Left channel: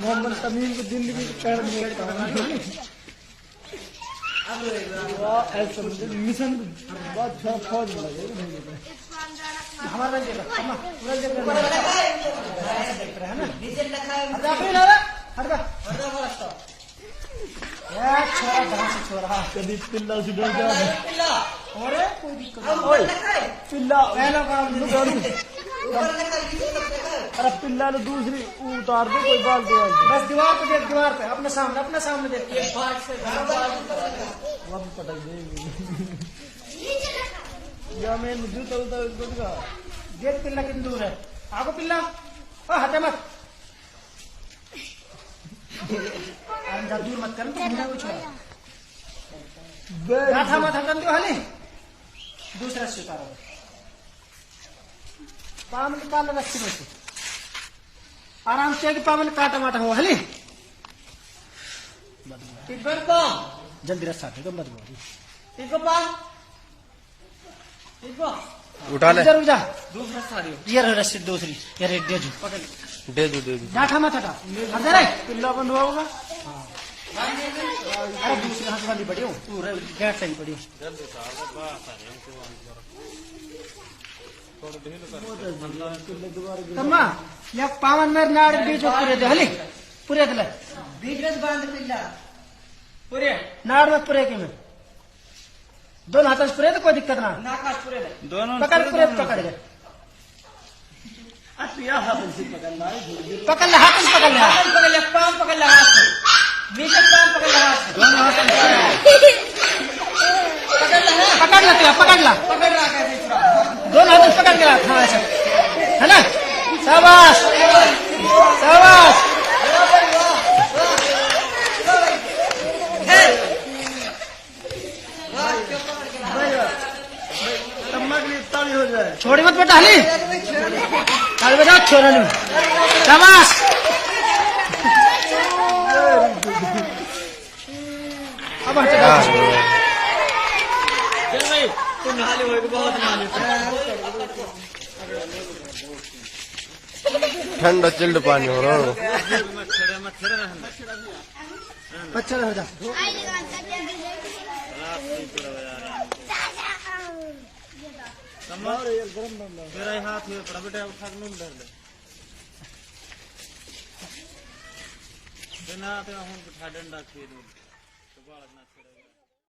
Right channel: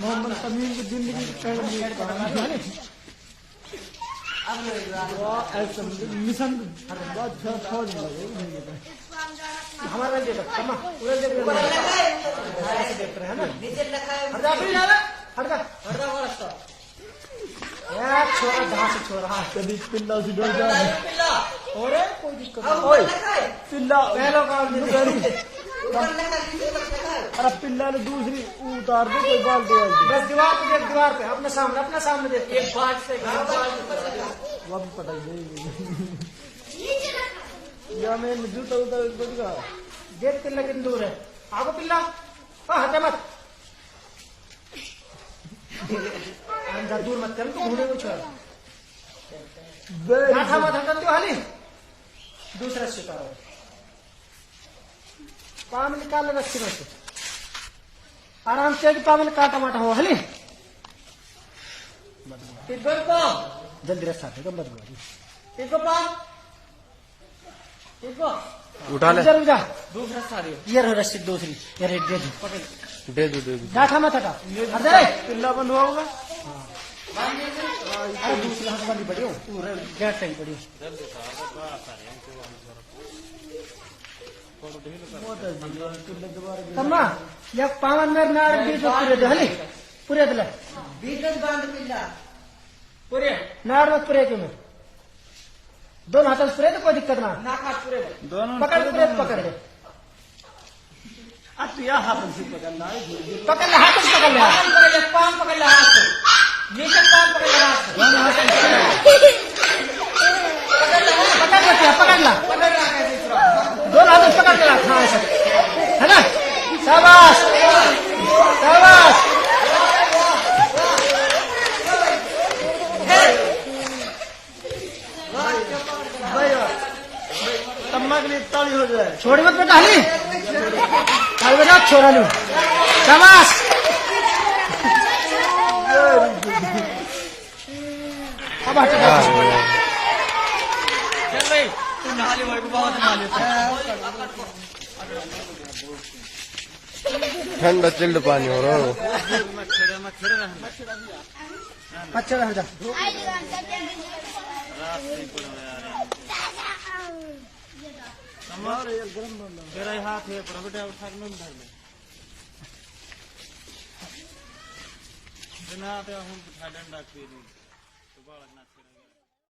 मोहम्मद तमीम की जिंदगी कर ऐसा मिशन बहुत फौज लगे हमारे कभी पिल्ला से डर जाए कोई दिक्कत पिल्ला अरे पिल्ला ने दूसरी उतार दे कोई बाल्टी वाल्टी बस दीवार पे अपने सामने देख एक बात से वह पटक देगी या मैं जूता उतर का देख पिल्ला कितनी दूर है आपको पिल्ला हटे मत अंदर दूर मत कर दूसरा स्वीकार काम निकालने रस्सी में से आराम से पावन काटा माटा हो हली तिब्बत को जल्दी रस्सा दे तो बदबू ठीक पान ठीक उठा ले जा दूसरा साड़ी ये रस्सी दूसरी यार एक दे दो बैठा मत का पिल्ला बंद हुआ होगा अरे दूसरे हाथ वाली पड़ी हो पूरा बैठ सही पड़ी तम्मा या पावन में नाड़ बीज पूरे दे हली पूरे दे बीज बांध पिल्ला पूरे नाड़ में पूरे के में दोनों हाथों से पूरे तो कोई दिक्कत ना दोनों पकड़ पूरे पकड़ दे अब यह हाथ से पकड़ना पकड़ ले हाथ से पकड़ ले पान पकड़ ले हाथ से नीचे पान पकड़ ले हाथ दोनों हाथ पकड़ ले दोनों हाथ पकड़ ले हाँ ऐसा है ना शाबाश शाबाश छोड़ी मत बेटा हली कल बजा छोड़ा नहीं शाबाश ठंडा चिल्ड पानी हो रहा हो अच्छा बेटा मेरा हाथ है बेटा उठा नहीं डर ले